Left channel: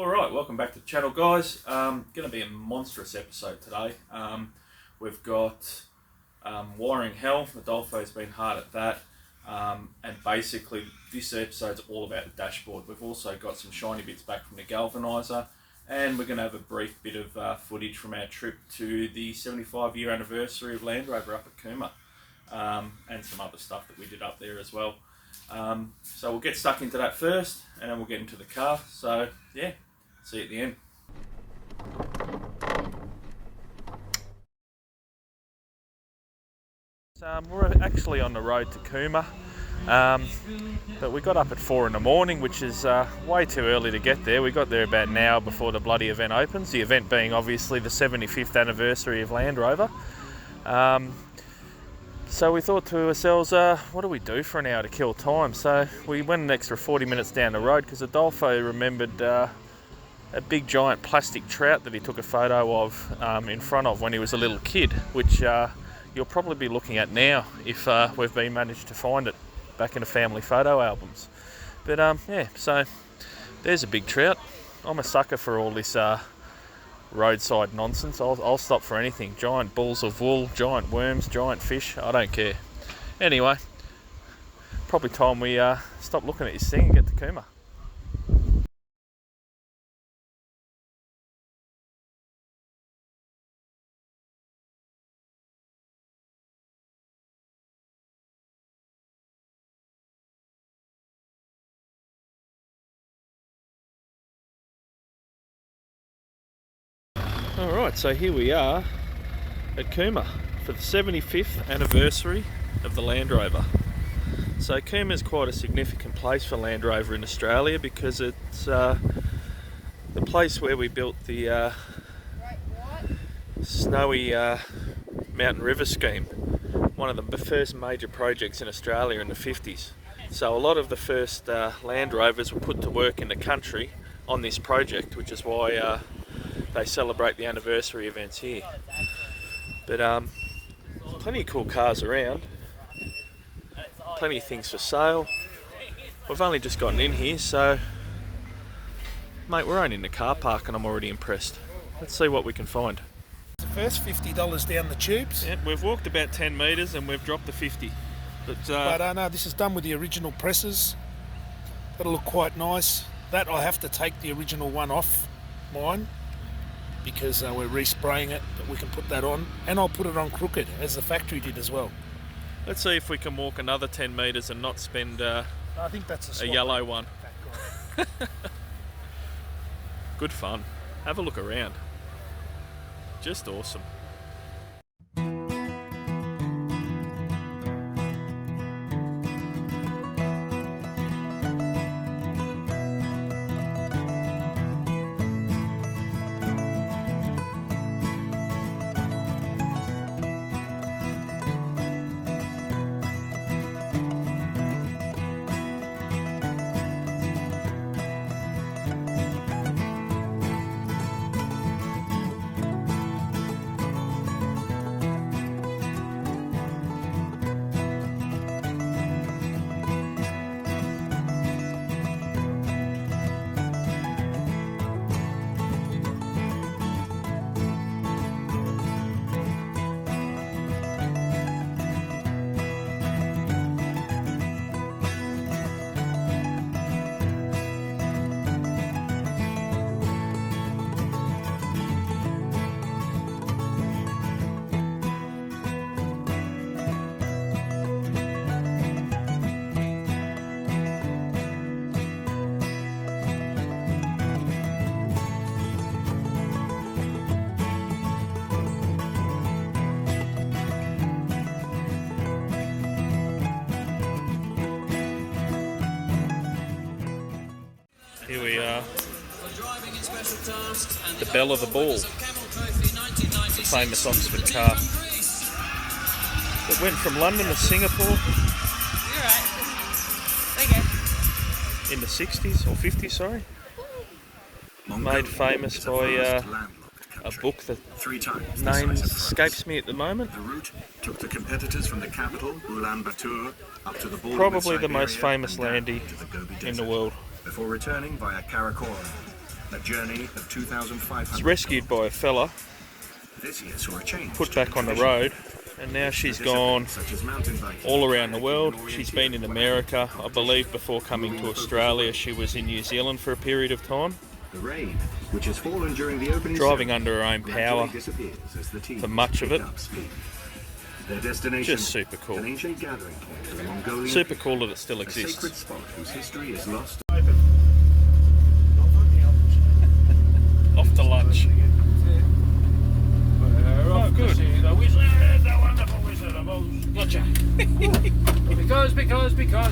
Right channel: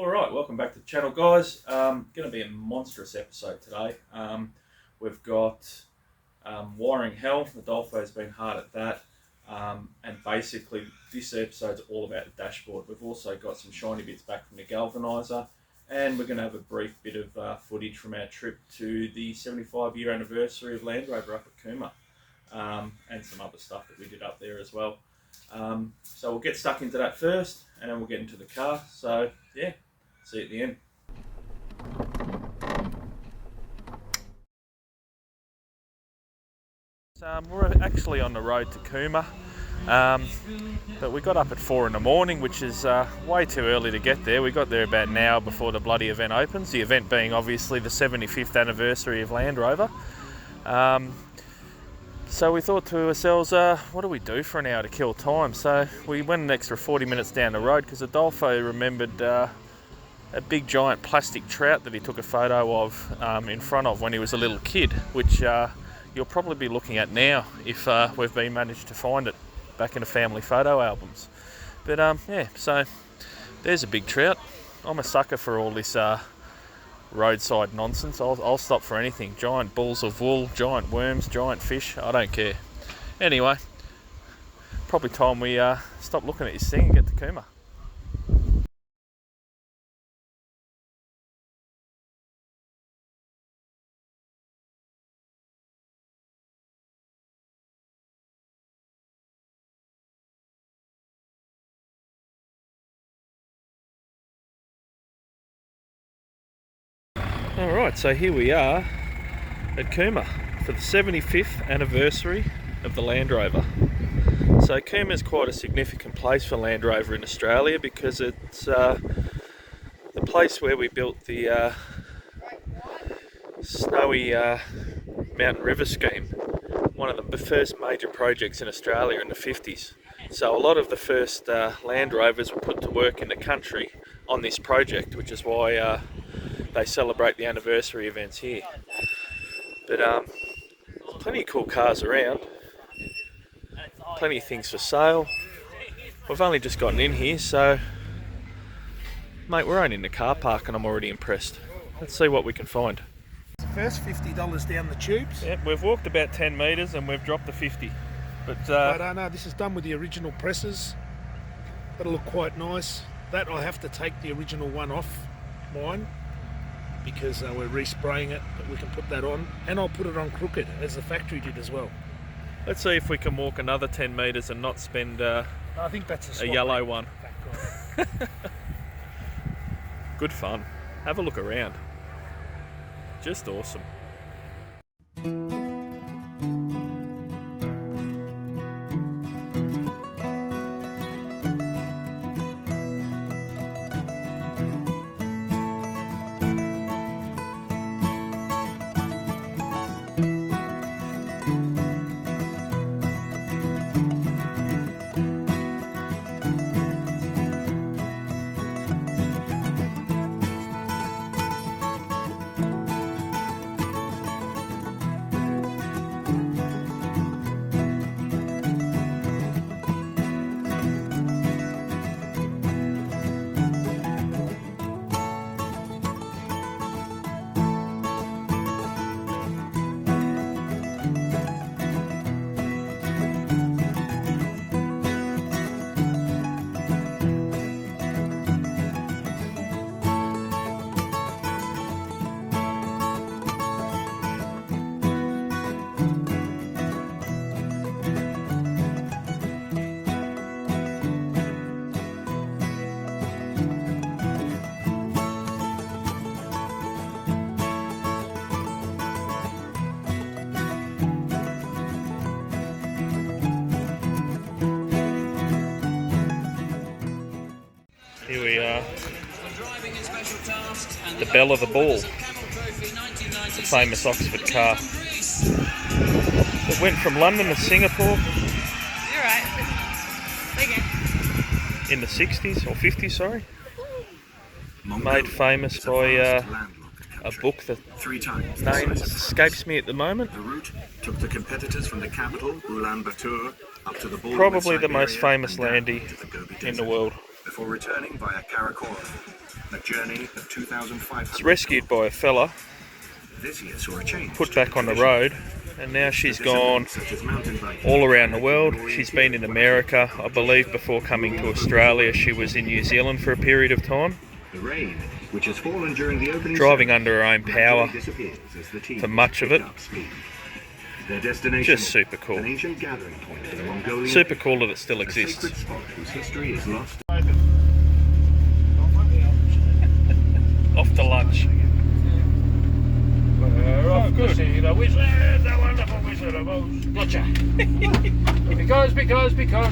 Alright, welcome back to the channel, guys. Going to be a monstrous episode today. We've got wiring hell. Adolfo's been hard at that. And basically this episode's all about the dashboard. We've also got some shiny bits back from the galvanizer, and we're going to have a brief bit of footage from our trip to the 75-year anniversary of Land Rover up at Cooma, and some other stuff that we did up there as well. So we'll get stuck into that first, and then we'll get into the car. So yeah, see you at the end. We're actually on the road to Cooma, but we got up at 4 in the morning, which is way too early to get there. We got there about an hour before the bloody event opens, the event being obviously the 75th anniversary of Land Rover. So we thought to ourselves, what do we do for an hour to kill time? So we went an extra 40 minutes down the road because Adolfo remembered a big giant plastic trout that he took a photo of in front of when he was a little kid, which you'll probably be looking at now if we've been managed to find it back in the family photo albums. But yeah, so there's a big trout. I'm a sucker for all this roadside nonsense. I'll stop for anything. Giant balls of wool, giant worms, giant fish, I don't care. Anyway, probably time we stop looking at this thing and get to Cooma. Alright, so here we are at Cooma for the 75th anniversary of the Land Rover. So Cooma is quite a significant place for Land Rover in Australia because it's the place where we built the snowy mountain river scheme, one of the first major projects in Australia in the 50s. So a lot of the first Land Rovers were put to work in the country on this project, which is why they celebrate the anniversary events here. But there's plenty of cool cars around, plenty of things for sale. We've only just gotten in here, so mate, we're only in the car park and I'm already impressed. Let's see what we can find. First $50 down the tubes. Yep, we've walked about 10 metres and we've dropped the 50. But I don't know, this is done with the original presses. It'll look quite nice. That I have to take the original one off mine, because we're respraying it, but we can put that on, and I'll put it on crooked as the factory did as well. Let's see if we can walk another 10 metres and not spend I think that's a yellow one. Good fun. Have a look around. Just awesome. Here we are, the belle of the ball, the famous Oxford car. It went from London to Singapore in the 60s, or 50s, sorry. Made famous by a book that name escapes me at the moment. The route took the competitors from the capital, Ulaanbaatar, up to the border Probably with the most Siberia famous and down landy to the Gobi in the Desert, world. before returning via Karakoram. A journey of 2,500. It's rescued by a fella, This year saw a change. put back on the road, and now she's gone Such as mountain biking. all around the world. She's been in America, I believe before coming to Australia she was in New Zealand for a period of time, The rain, which has fallen during the opening driving ceremony, under her own power disappears as the team for much of pick it. up speed. Their destination, Just super cool. an ancient gathering point for the Mongolian Super people, cool that it still a exists. sacred spot whose history is lost. Off to lunch. Oh, good. The wizard, the wonderful Wizard of Oz. Gotcha.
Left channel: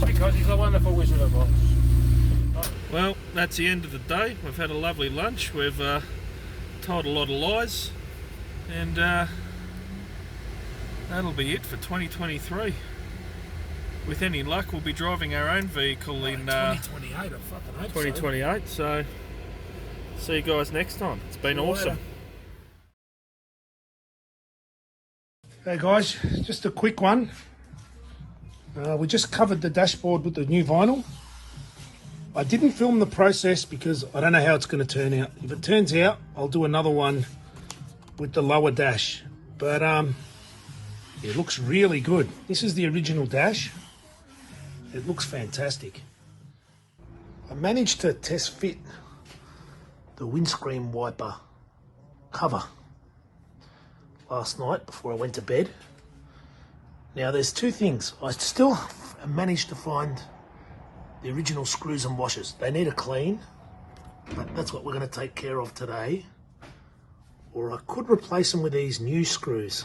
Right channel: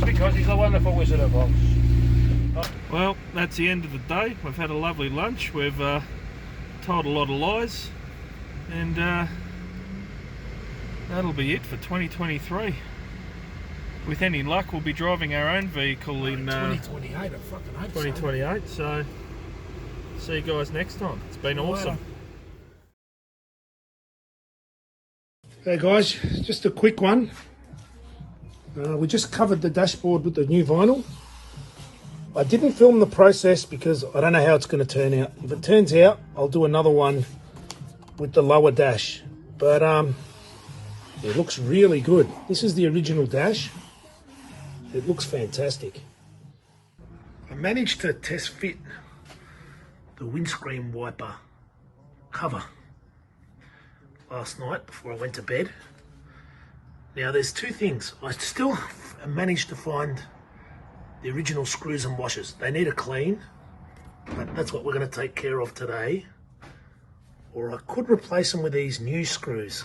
because he's a wonderful Wizard of Oz. Well, that's the end of the day. We've had a lovely lunch. We've told a lot of lies, and that'll be it for 2023. With any luck, we'll be driving our own vehicle in 2028, I fucking hope so. 2028. So, see you guys next time. It's been See you awesome. later. Hey guys, just a quick one. We just covered the dashboard with the new vinyl. I didn't film the process because I don't know how it's going to turn out. If it turns out, I'll do another one with the lower dash. But it looks really good. This is the original dash. It looks fantastic. I managed to test fit the windscreen wiper cover last night before I went to bed. Now there's two things. I still managed to find the original screws and washers. They need a clean, but that's what we're going to take care of today. Or I could replace them with these new screws.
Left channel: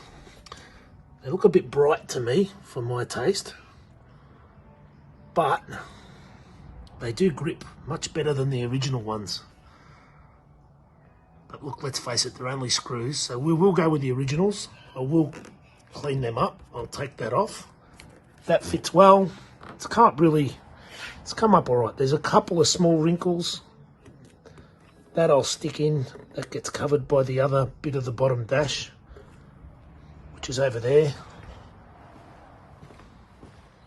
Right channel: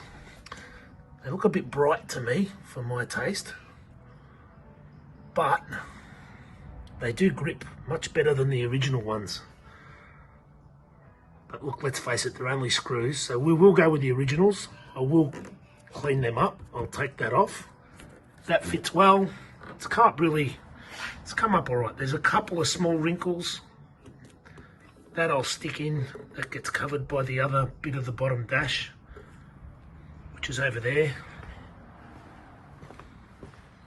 They look a bit bright to me for my taste, but they do grip much better than the original ones. But look, let's face it, they're only screws, so we will go with the originals. I will clean them up. I'll take that off. That fits well. It's come up all right. There's a couple of small wrinkles. That I'll stick in. That gets covered by the other bit of the bottom dash, which is over there.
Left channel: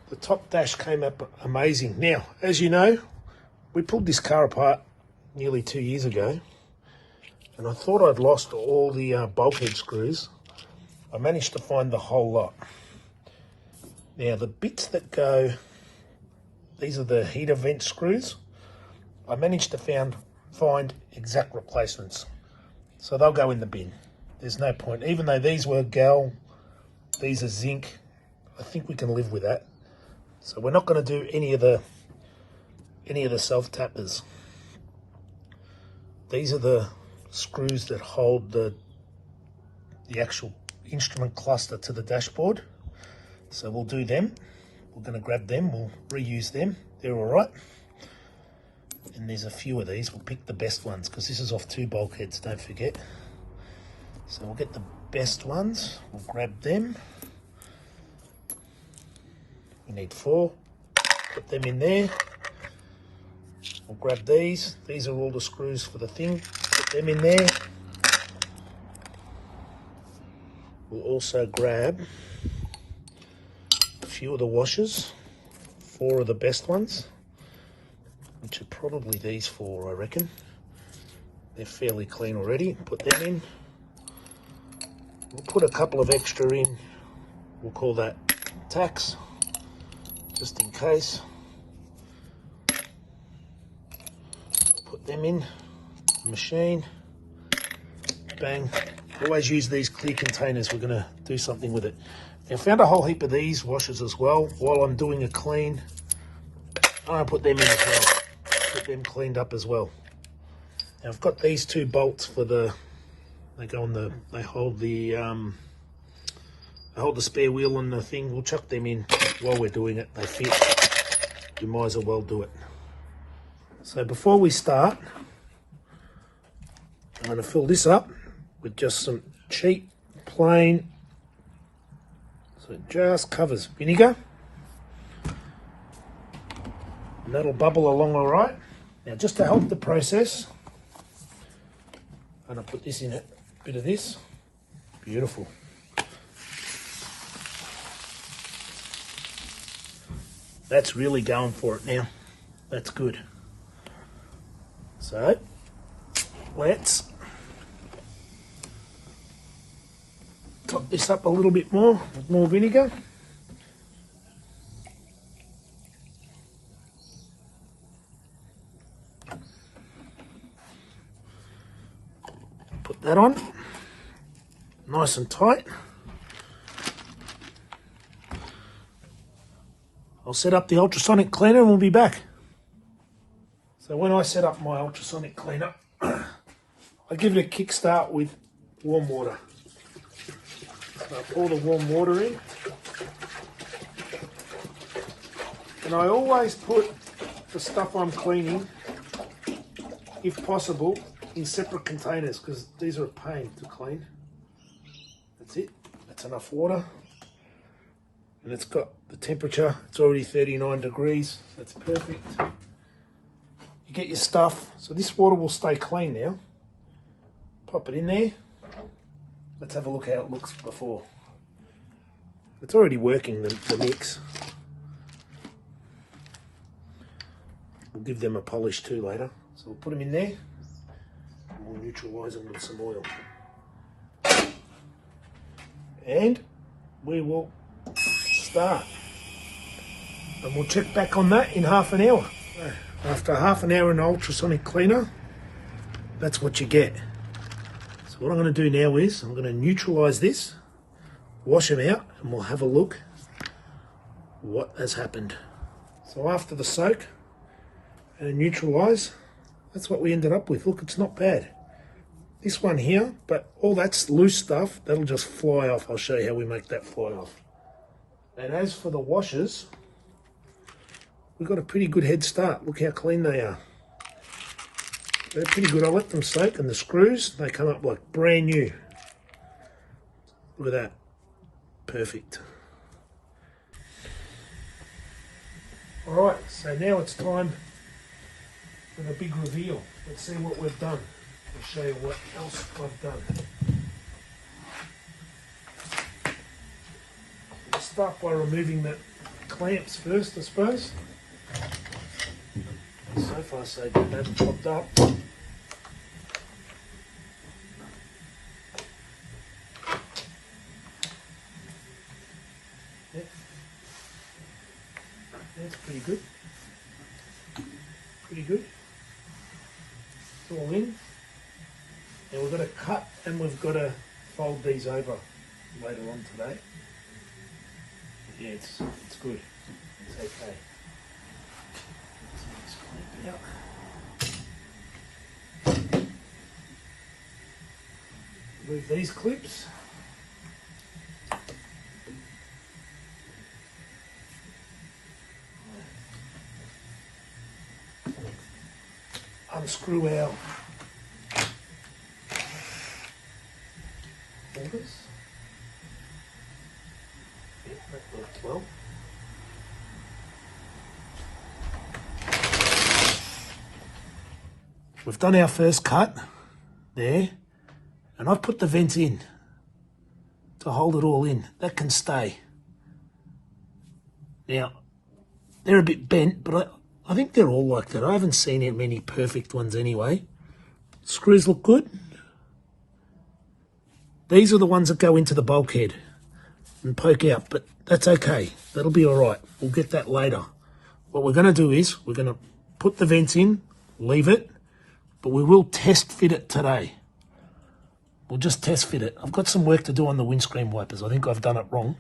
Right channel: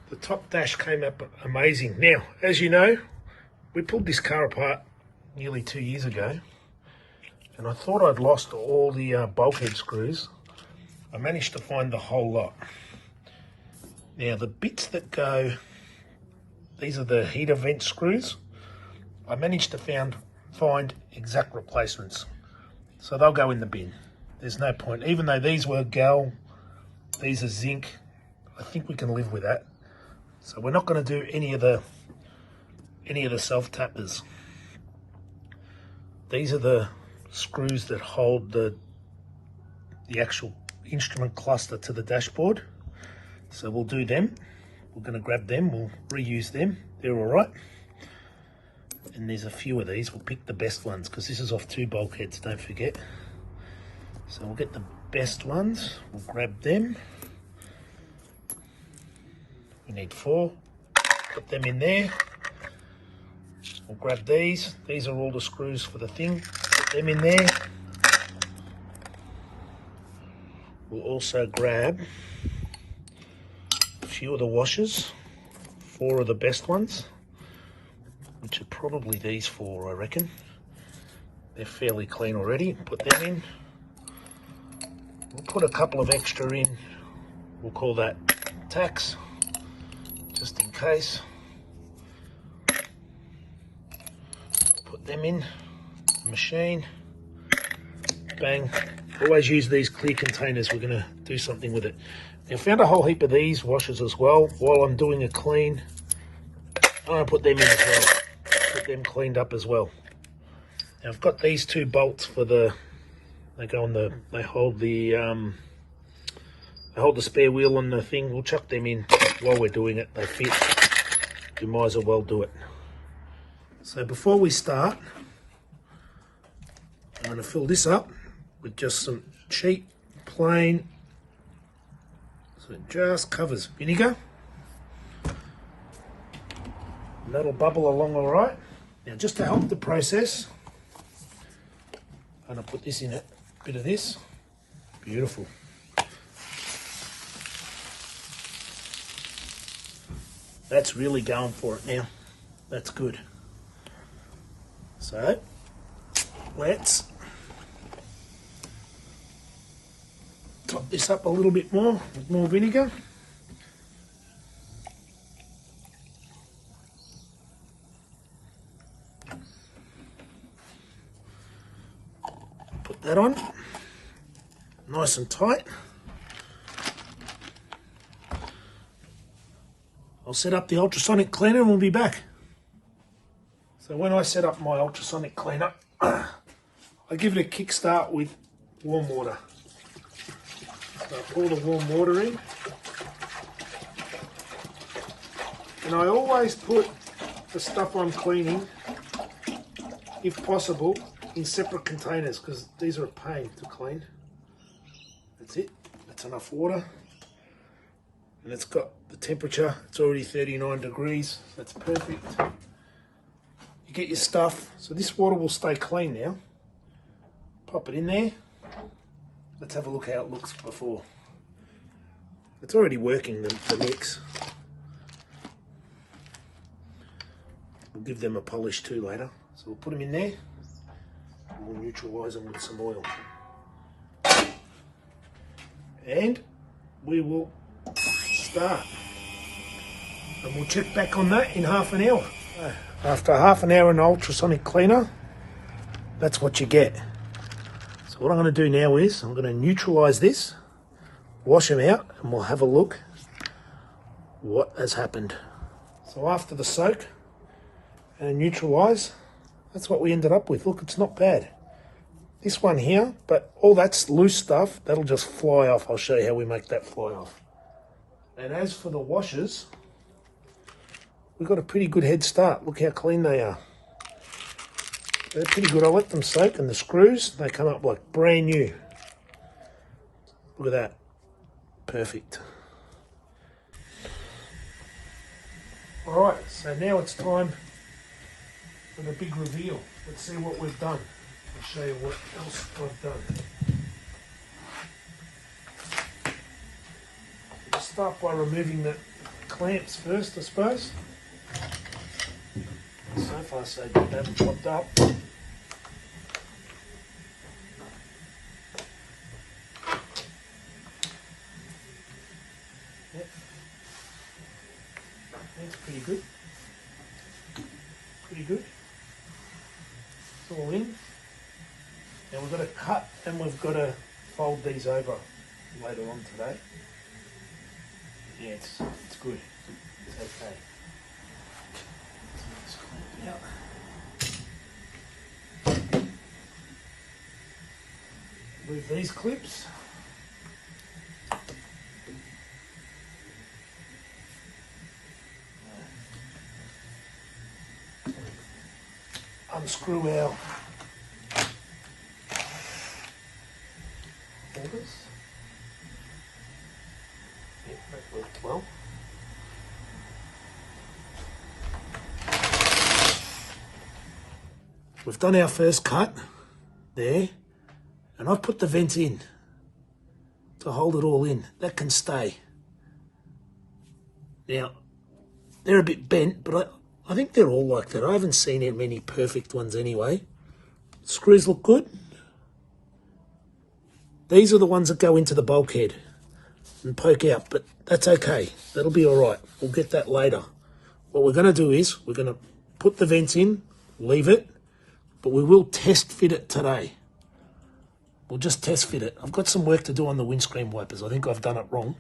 The top dash came up amazing. Now, as you know, we pulled this car apart nearly 2 years ago, and I thought I'd lost all the bulkhead screws. I managed to find the whole lot. Now, the bits that go, these are the heater vent screws. I managed to find exact replacements, so they'll go in the bin. There's no point, even though these were gal, these are zinc. I think we can live with that. So we're not going to do any of the self-tappers. These are the screws that hold the actual instrument cluster to the dashboard. So we'll do them. We're going to grab them. We'll reuse them. They're all right. And there's a few of these. We'll pick the best ones because this is off 2 bulkheads, don't forget. So we'll get the best ones. We'll grab them. We need 4. Put them in there. We'll grab these. These are all the screws for the thing. Put them in there. We'll also grab a few of the washers. 4 of the best ones, which are probably these 4, I reckon. They're fairly clean already. Put them in. We'll put a couple of extra in. We'll call that tacks, just in case. Put them in the machine. Bang. Always use these clear containers. We're going to do something with it. Now, I found a whole heap of these washers as well. While I'm doing a clean, I'm going to put them in as well. Get them cleaned up as well. Now, I've got these 2 bolts for the, they hold the spare wheel on the thing. We'll chuck them in while we're doing it. They fit. You might as well do it. So before we start, I'm going to fill this up with just some cheap, plain, so it just covers vinegar. And that'll bubble along all right. Now, just to help the process, I'm going to put this in a bit of this. Beautiful. That's really going for it now. That's good. So, Let's top this up a little bit more with more vinegar. Put that on, nice and tight. I'll set up the ultrasonic cleaner and we'll be back. So when I set up my ultrasonic cleaner, I give it a kickstart with warm water. So I pour the warm water in. And I always put the stuff I'm cleaning, if possible, in separate containers because these are a pain to clean. That's it. That's enough water. And it's got the temperature. It's already 39 degrees. That's perfect. You get your stuff. So this water will stay clean now. Pop it in there. Let's have a look how it looks before. It's already working, the mix. We'll give them a polish too later. So we'll put them in there. And we'll neutralise them with some oil. And we will start. And we'll check back on that in half an hour. After half an hour in the ultrasonic cleaner, that's what you get. So what I'm going to do now is I'm going to neutralise this, wash them out, and we'll have a look what has happened. So after the soak and neutralise, that's what we ended up with. Look, it's not bad. This one here, but all that's loose stuff, that'll just fly off. I'll show you how we make that fly off. And as for the washers, we've got a pretty good head start. Look how clean they are. They're pretty good. I let them soak, and the screws, they come up like brand new. Look at that. Perfect. Alright, so now it's time for the big reveal. Let's see what we've done. I'll show you what else I've done. We'll start by removing the clamps first, I suppose. So far so good, they haven't popped up. That's pretty good. Pretty good. It's all in. Now we've got to cut and we've got to fold these over later on today. Yeah, it's good. It's okay. Yep. Remove these clips. Unscrew our holders. Yep, that worked well. We've done our first cut there, and I've put the vent in to hold it all in. That can stay. Now, they're a bit bent, but I think they're all like that. I haven't seen many perfect ones anyway. Screws look good. These are the ones that go into the bulkhead and poke out, but that's okay. That'll be all right. We'll get that later. What we're going to do is we're going to put the vents in, leave it, but we will test fit it today. We'll just test fit it. I've got some work to do on the windscreen wipers. I think I've done it wrong.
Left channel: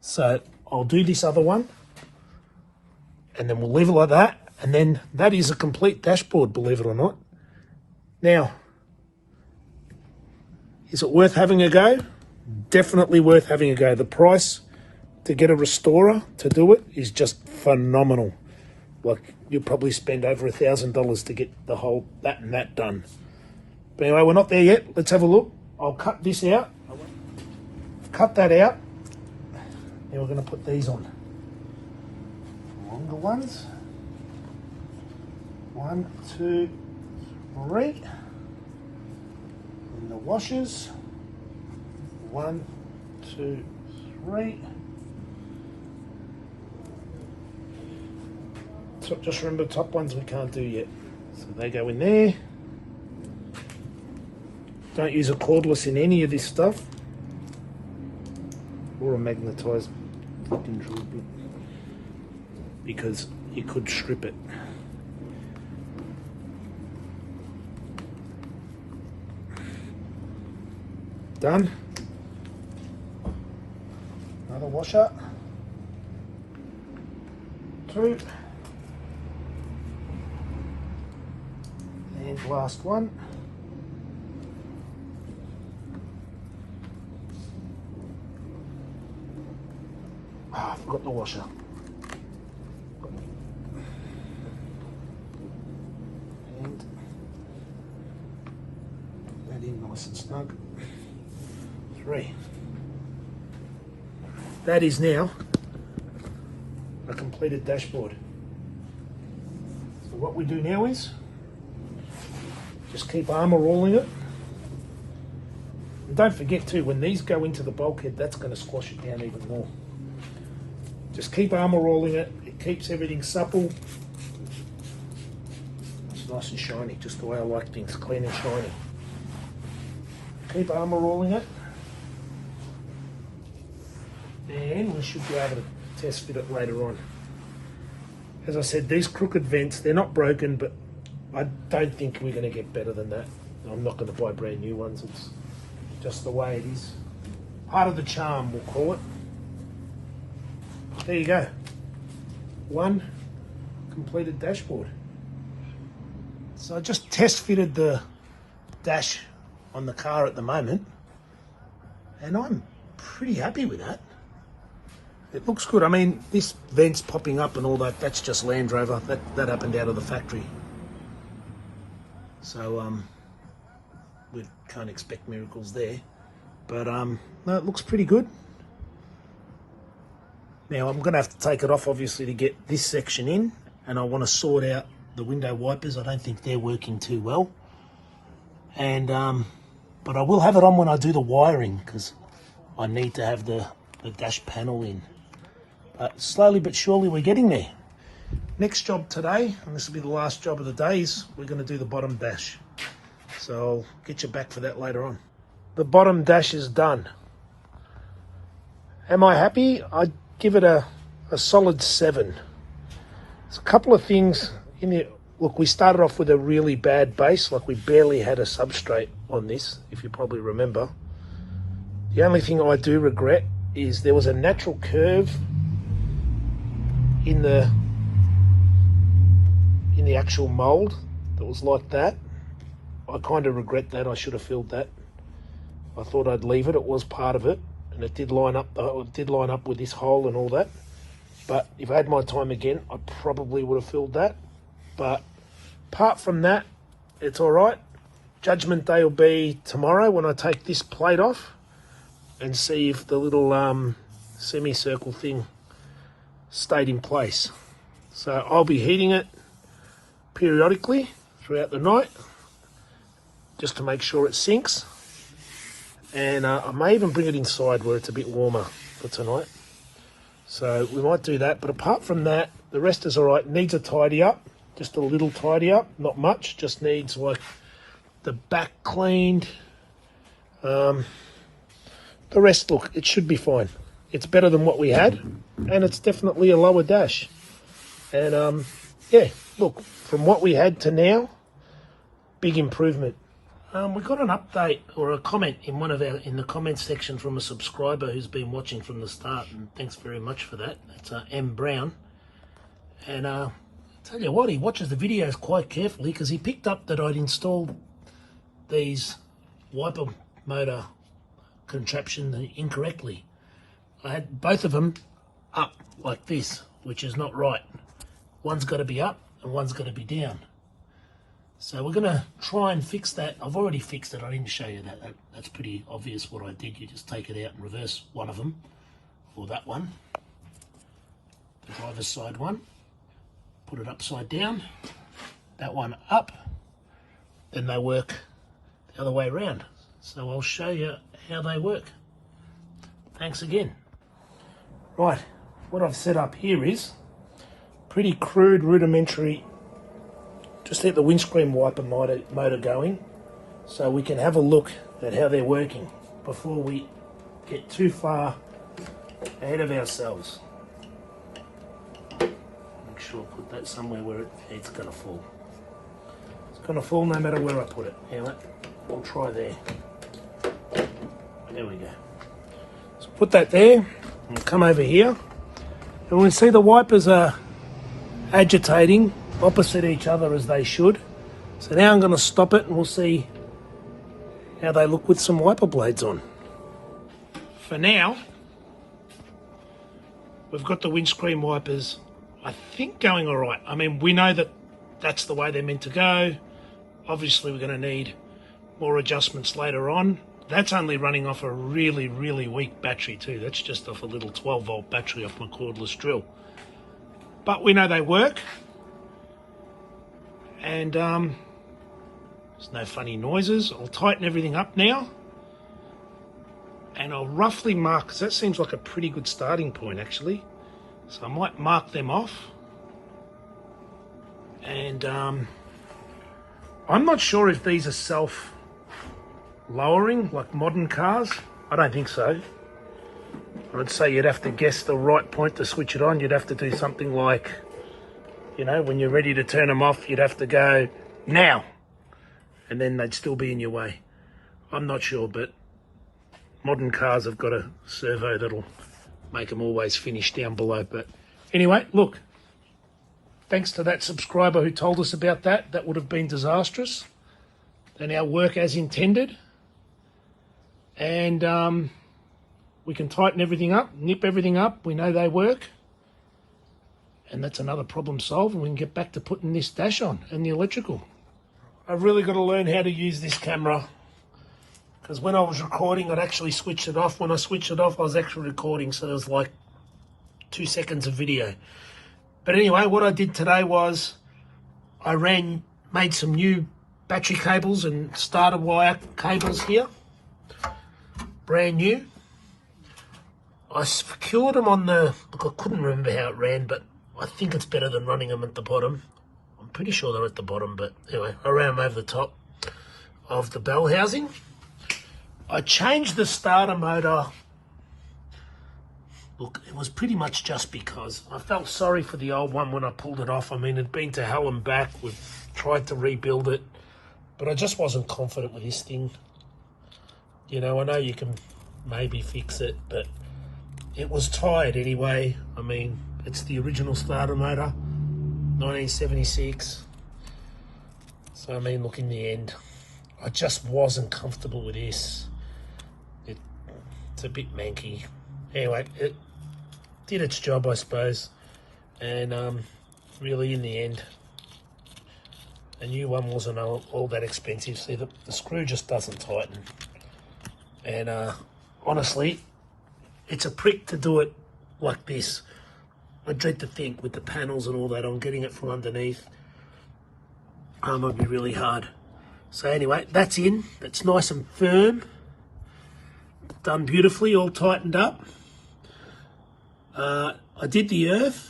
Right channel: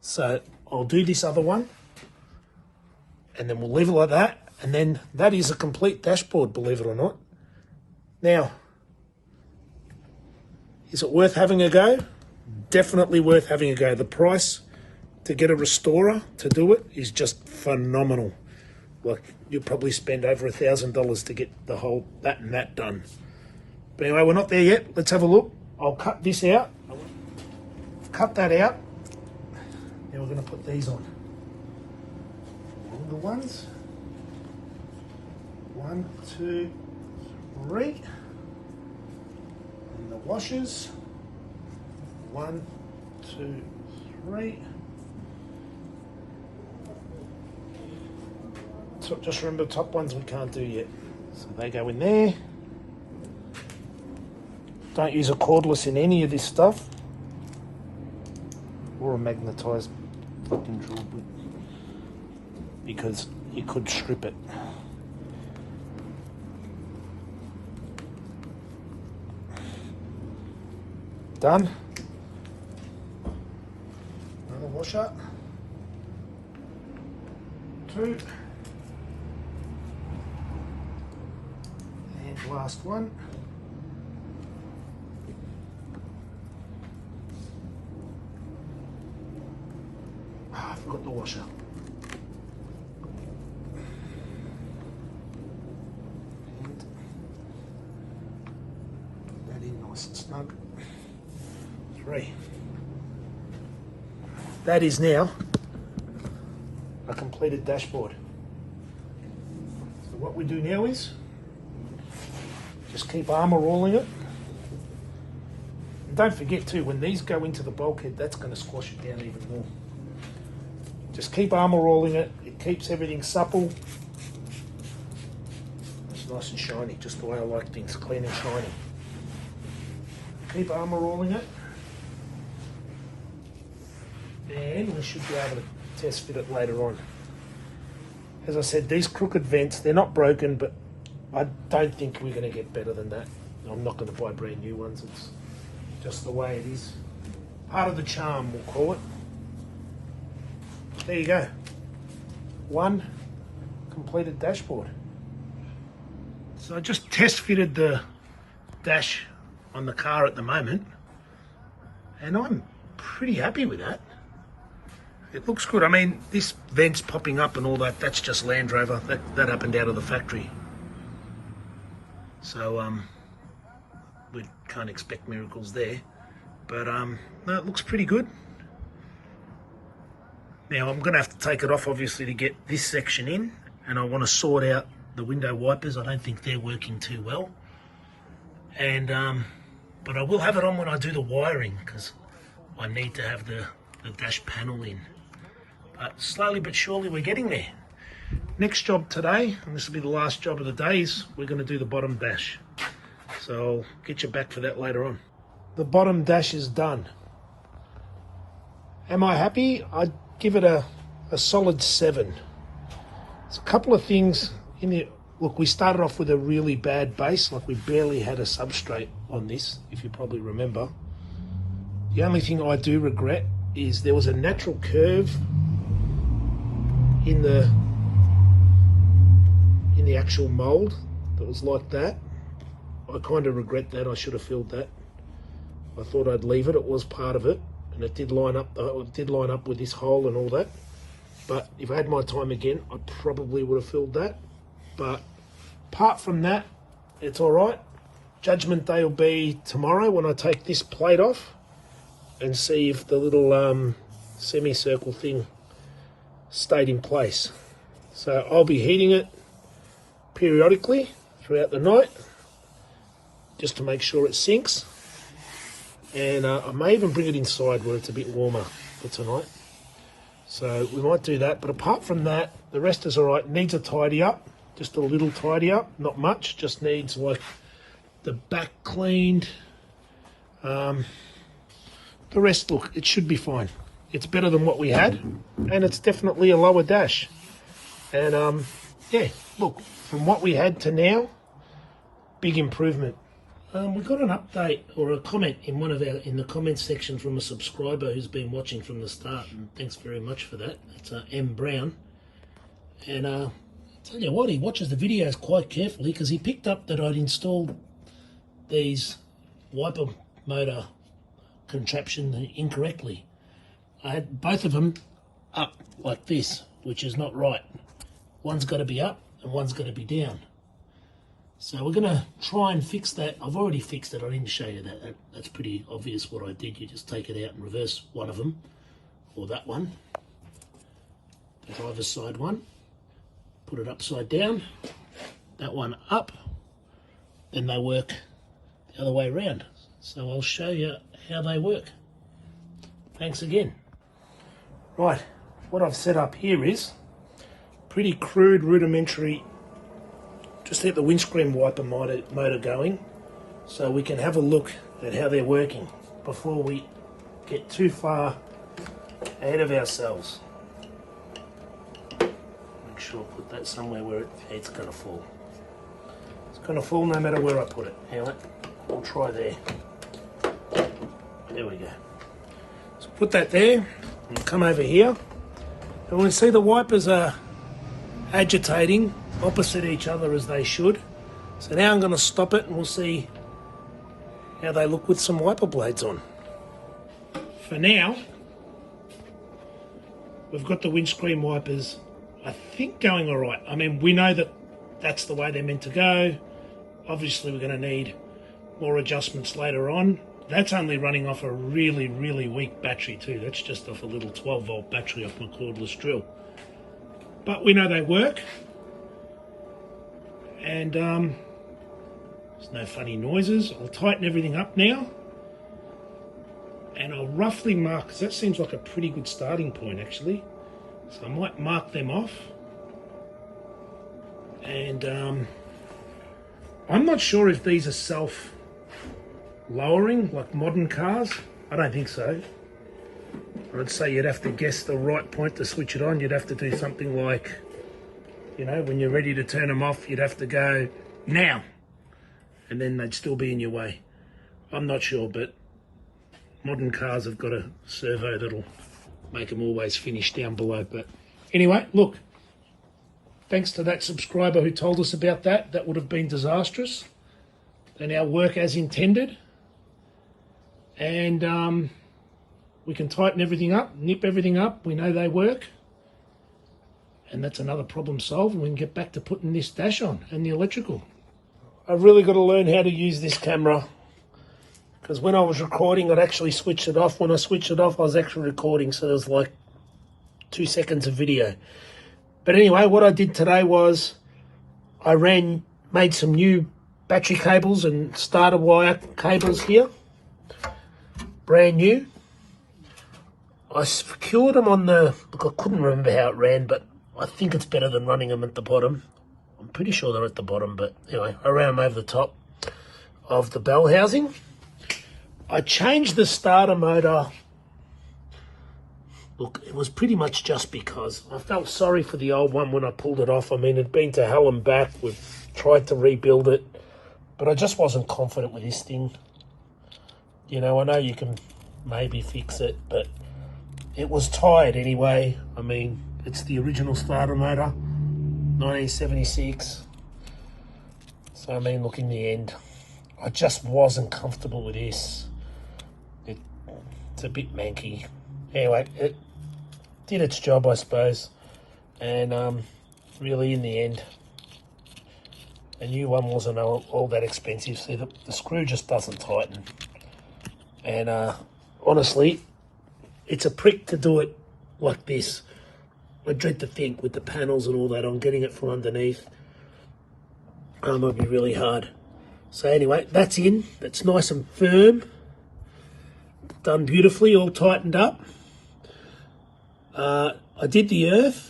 So I'll do this other one, and then we'll leave it like that. And then that is a complete dashboard, believe it or not. Now, is it worth having a go? Definitely worth having a go. The price to get a restorer to do it is just phenomenal. Like, you'll probably spend over $1,000 to get the whole that and that done. But anyway, we're not there yet. Let's have a look. I'll cut this out. Cut that out. Now we're going to put these on. Longer ones. 1, 2, 3. And the washers. 1, 2, 3. So just remember, the top ones we can't do yet. So they go in there. Don't use a cordless in any of this stuff. Or a magnetised fucking drill bit. Because you could strip it. Done. Another washer. 2. And last one. I forgot the washer. And that in nice and snug. 3. That is now a completed dashboard. So what we do now is just keep armour rolling it. And don't forget too, when these go into the bulkhead, that's going to squash it down even more. Just keep armour rolling it. It keeps everything supple. It's nice and shiny, just the way I like things, clean and shiny. Keep armour rolling it. And we should be able to test fit it later on. As I said, these crooked vents, they're not broken, but I don't think we're going to get better than that. I'm not going to buy brand new ones. It's just the way it is. Part of the charm, we'll call it. There you go. One completed dashboard. So I just test fitted the dash on the car at the moment, and I'm pretty happy with that. It looks good. I mean, this vent's popping up and all that, that's just Land Rover. That happened out of the factory. So we can't expect miracles there. But no, it looks pretty good. Now I'm going to have to take it off obviously to get this section in, and I want to sort out the window wipers. I don't think they're working too well. And but I will have it on when I do the wiring, because I need to have the dash panel in. But slowly but surely we're getting there. Next job today, and this will be the last job of the day, is we're going to do the bottom dash. So I'll get you back for that later on. The bottom dash is done. Am I happy? I'd give it a solid 7. There's a couple of things in it. Look, we started off with a really bad base, like we barely had a substrate on this, if you probably remember. The only thing I do regret is there was a natural curve in the actual mould that was like that. I kind of regret that. I should have filled that. I thought I'd leave it. It was part of it, and it did line up. It did line up with this hole and all that. But if I had my time again, I probably would have filled that. But apart from that, it's all right. Judgment day will be tomorrow when I take this plate off and see if the little semicircle thing stayed in place. So I'll be heating it periodically throughout the night just to make sure it sinks. And I may even bring it inside where it's a bit warmer for tonight. So we might do that. But apart from that, the rest is all right. Needs a tidy up, just a little tidy up, not much. Just needs like the back cleaned. The rest, look, it should be fine. It's better than what we had, and it's definitely a lower dash. And yeah, look, from what we had to now, big improvement. We got an update or a comment in in the comments section from a subscriber who's been watching from the start, and thanks very much for that. It's M Brown, and I tell you what, he watches the videos quite carefully because he picked up that I'd installed these wiper motor contraption incorrectly. I had both of them up like this, which is not right. One's got to be up and one's got to be down. So we're going to try and fix that. I've already fixed it. I didn't show you that. That's pretty obvious what I did. You just take it out and reverse one of them, or that one, the driver's side one, put it upside down, that one up, then they work the other way around. So I'll show you how they work. Thanks again. Right, what I've set up here is pretty crude, rudimentary. Just get the windscreen wiper motor going. so we can have a look at how they're working before we get too far ahead of ourselves. Make sure I put that somewhere where it's going to fall. It's going to fall no matter where I put it. Anyway, I'll try there. There we go. So put that there and come over here. And we see the wipers are agitating opposite each other as they should. So now I'm going to stop it and we'll see how they look with some wiper blades on. For now, we've got the windscreen wipers, I think, going all right. I mean, we know that that's the way they're meant to go. Obviously, we're going to need more adjustments later on. That's only running off a really, really weak battery too. That's just off a little 12-volt battery off my cordless drill. But we know they work. And there's no funny noises. I'll tighten everything up now. And I'll roughly mark, because that seems like a pretty good starting point actually. So I might mark them off. And I'm not sure if these are self-lowering like modern cars. I don't think so. I'd say you'd have to guess the right point to switch it on. You'd have to do something like, you know, when you're ready to turn them off, you'd have to go now. And then they'd still be in your way. I'm not sure, but modern cars have got a servo that'll make them always finish down below. But anyway, look, thanks to that subscriber who told us about that. That would have been disastrous. They now work as intended. And we can tighten everything up, nip everything up. We know they work. And that's another problem solved, and we can get back to putting this dash on and the electrical. I've really got to learn how to use this camera, because when I was recording, I'd actually switched it off. When I switched it off, I was actually recording, so there was like 2 seconds of video. But anyway, what I did today was I made some new battery cables and starter wire cables here, brand new. I secured them on the, look, I couldn't remember how it ran, but I think it's better than running them at the bottom. I'm pretty sure they're at the bottom, but anyway, I ran them over the top of the bell housing. I changed the starter motor. Look, it was pretty much just because I felt sorry for the old one when I pulled it off. I mean, it'd been to hell and back. We've tried to rebuild it, but I just wasn't confident with this thing. You know, I know you can maybe fix it, but it was tired anyway. I mean, it's the original starter motor, 1976. So, I mean, look, in the end, I just wasn't comfortable with this. It's a bit manky. Anyway, it did its job, I suppose. And really, in the end, a new one wasn't all that expensive. See, the screw just doesn't tighten. And honestly, it's a prick to do it like this. I dread to think with the panels and all that on, getting it from underneath. It'd be really hard. So anyway, that's in. It's nice and firm. Done beautifully, all tightened up. I did the earth,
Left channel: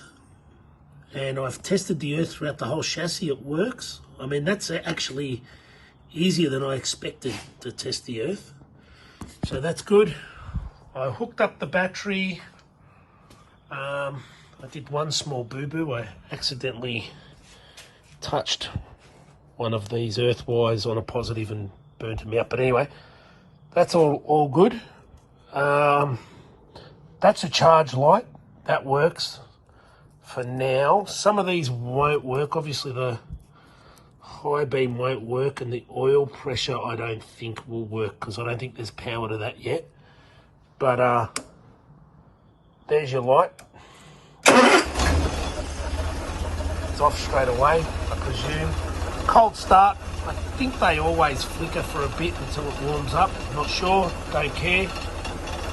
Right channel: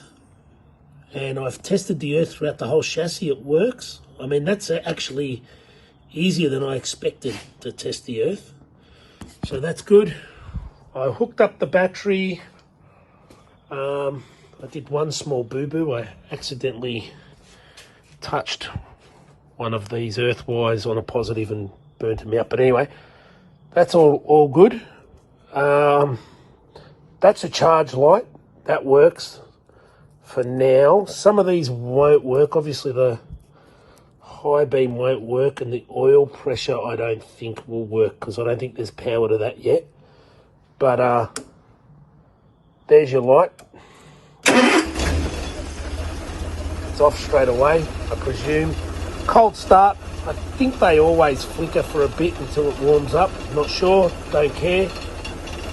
and I've tested the earth throughout the whole chassis. It works. I mean, that's actually easier than I expected to test the earth. So that's good. I hooked up the battery. I did one small boo-boo. I accidentally touched one of these earth wires on a positive and burnt them out. But anyway, that's all good. That's a charge light. That works for now. Some of these won't work. Obviously, the high beam won't work, and the oil pressure I don't think will work, because I don't think there's power to that yet. But there's your light. It's off straight away, I presume. Cold start. I think they always flicker for a bit until it warms up. I'm not sure, don't care.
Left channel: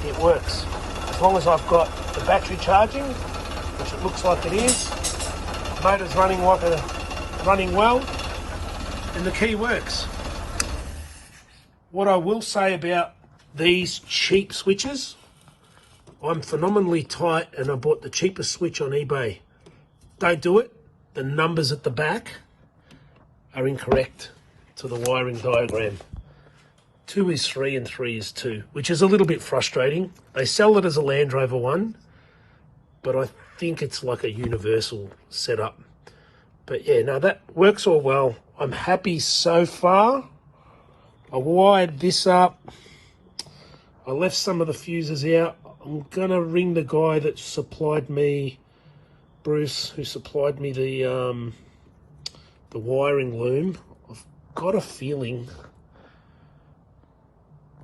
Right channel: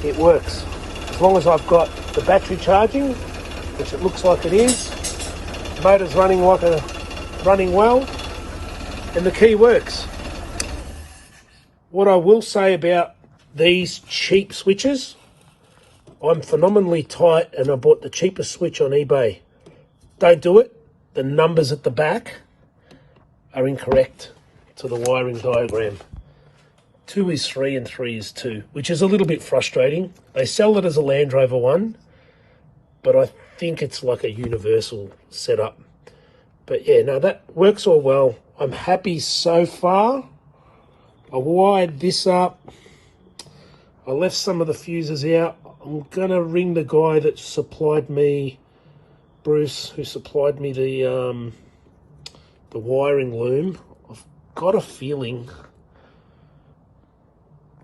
It works. As long as I've got the battery charging, which it looks like it is. Motor's running well, and the key works. What I will say about these cheap switches, I'm phenomenally tight, and I bought the cheapest switch on eBay. Don't do it. The numbers at the back are incorrect to the wiring diagram. 2 is 3 and 3 is 2, which is a little bit frustrating. They sell it as a Land Rover 1, but I think it's like a universal setup. But yeah, no, that works all well. I'm happy so far. I wired this up. I left some of the fuses out. I'm gonna ring the guy that supplied me, Bruce, who supplied me the wiring loom. I've got a feeling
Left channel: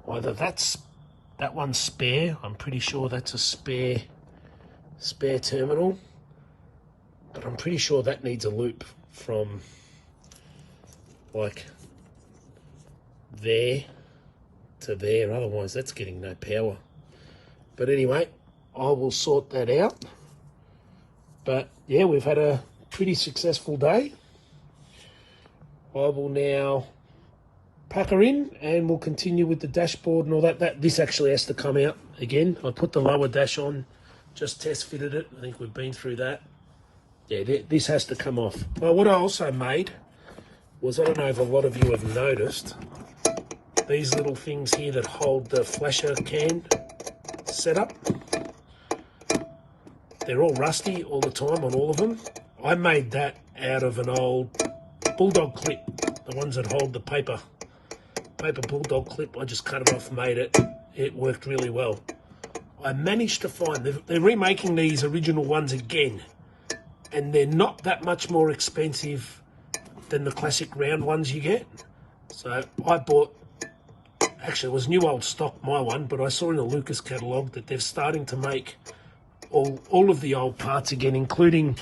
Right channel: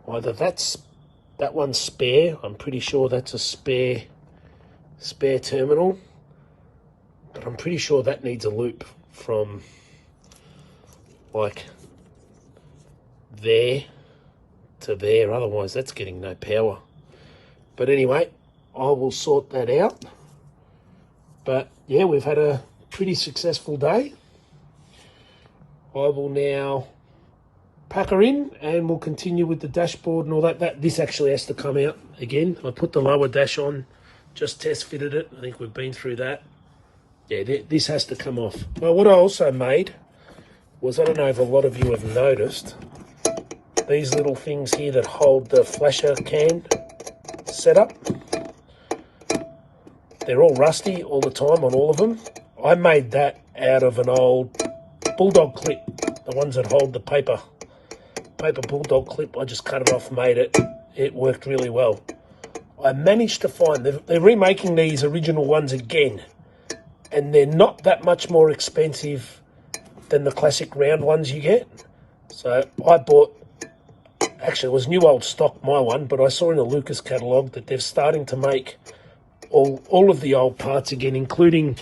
either that one's spare. I'm pretty sure that's a spare terminal. But I'm pretty sure that needs a loop from like there to there, otherwise that's getting no power. But anyway, I will sort that out. But yeah, we've had a pretty successful day. I will now pack her in and we'll continue with the dashboard and all that. This actually has to come out again. I put the lower dash on, just test fitted it. I think we've been through that. Yeah, this has to come off. Well, what I also made was, I don't know if a lot of you have noticed, these little things here that hold the flasher can setup. They're all rusty all the time on all of them. I made that out of an old bulldog clip, the ones that hold the paper bulldog clip. I just cut it off, made it. It worked really well. I managed to find, they're remaking these original ones again, and they're not that much more expensive than the classic round ones you get. So I bought, actually it was new old stock, my one, but I saw in the Lucas catalogue that they're starting to make all of the old parts again, including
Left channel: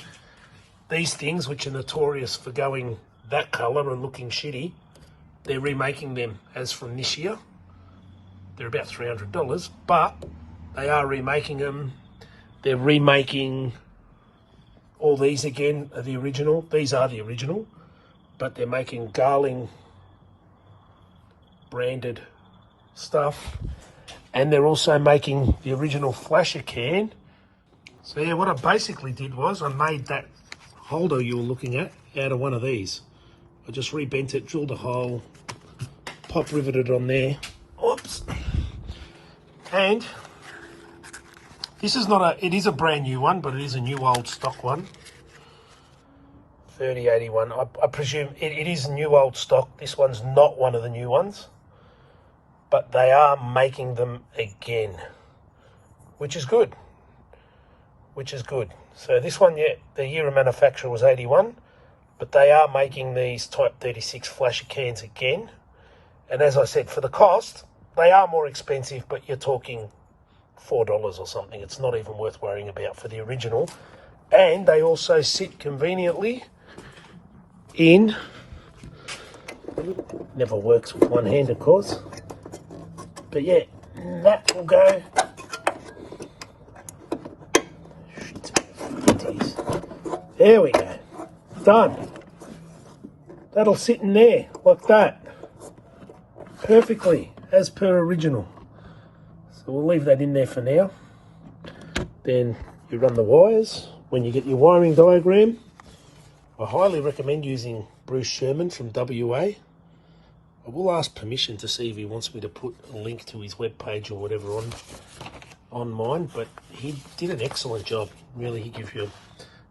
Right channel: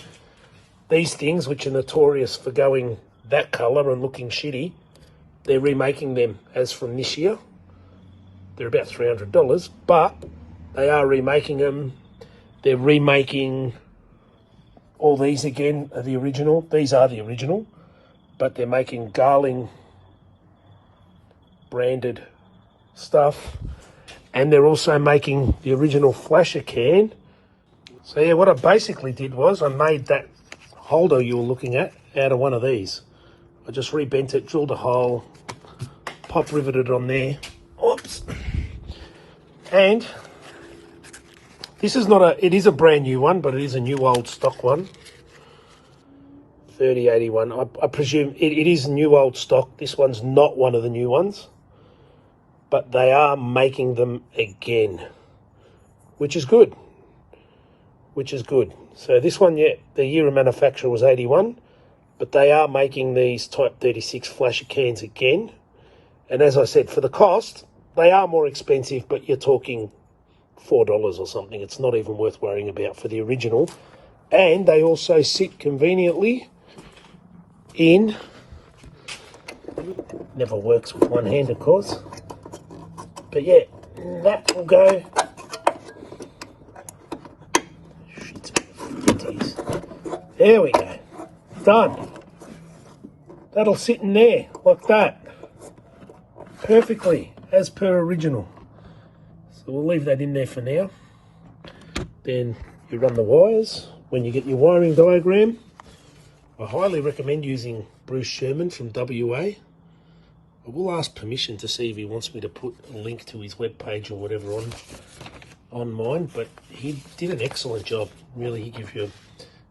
these things, which are notorious for going that colour and looking shitty. They're remaking them as from this year. They're about $300, but they are remaking them. They're remaking all these again are the original. These are the original, but they're making Garling branded stuff, and they're also making the original flasher can. So yeah, what I basically did was I made that holder you were looking at out of one of these. I just rebent it, drilled a hole, pop riveted on there. Oops. And this is not it is a brand new one, but it is a new old stock one. 3081. I presume it is new old stock. This one's not one of the new ones, but they are making them again, which is good. So this one, yeah, the year of manufacture was 81, but they are making these Type 36 flasher cans again. And as I said, for the cost, they are more expensive, but you're talking $4 or something. It's not even worth worrying about for the original. And they also sit conveniently in, never works with one hand, of course, but yeah, that will go. There we go. Done. That'll sit in there like that. Perfectly, as per original. So we'll leave that in there for now. Then you run the wires. When you get your wiring diagram, I highly recommend using Bruce Sherman from WA. I will ask permission to see if he wants me to put a link to his webpage or whatever on mine, but he did an excellent job. Really, he gives you a